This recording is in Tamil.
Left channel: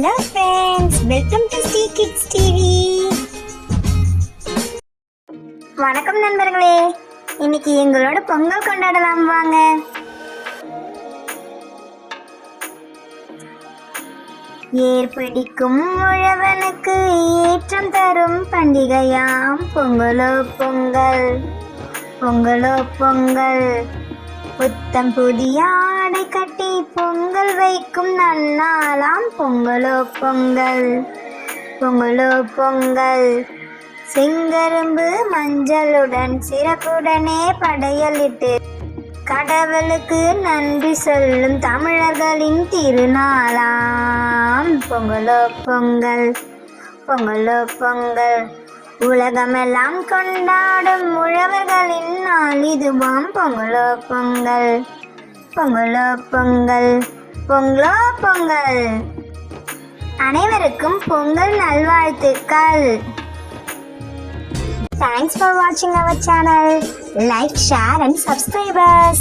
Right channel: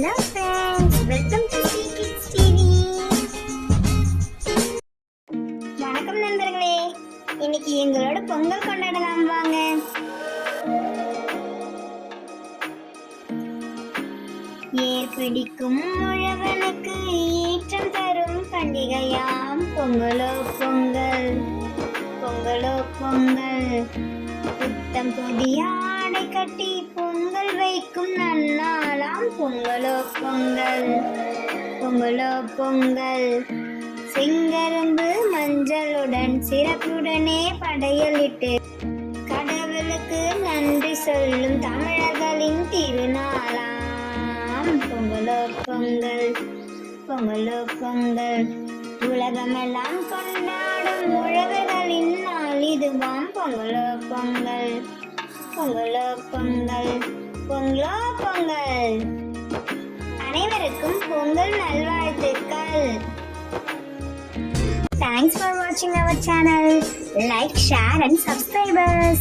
Hello friends, welcome to Stee Kids TV. வணக்கம் நண்பர்களே, இன்னைக்கு எங்களோட பொங்கல் கொண்டாடலாம் வாங்க. ஏர் பிடிக்கும் உழவனுக்கு ஏற்றம் தரும் பண்டிகையாம் பொங்கலோ பொங்கல், பொங்கலோ பொங்கல். புத்தம் புதிய ஆடை கட்டி பொங்கல் வைக்கும் நன்னாளாம் பொங்கலோ பொங்கல், பொங்கலோ பொங்கல். செங்கரும்பு மஞ்சளுடன் சிறப்புடனே படையலிட்டு கடவுளுக்கு நன்றி சொல்லும் தமிழர்களின் திருநாளாம் பொங்கலோ பொங்கல், பொங்கலோ பொங்கல். உலகமெல்லாம் கொண்டாடும் உழவர்களின் நாள் இதுவாம் பொங்கலோ பொங்கல், பொங்கலோ பொங்கல், பொங்கலோ பொங்கல். அனைவருக்கும் பொங்கல் நல்வாழ்த்துக்கள். Thanks for watching our channel. Like, share and subscribe us.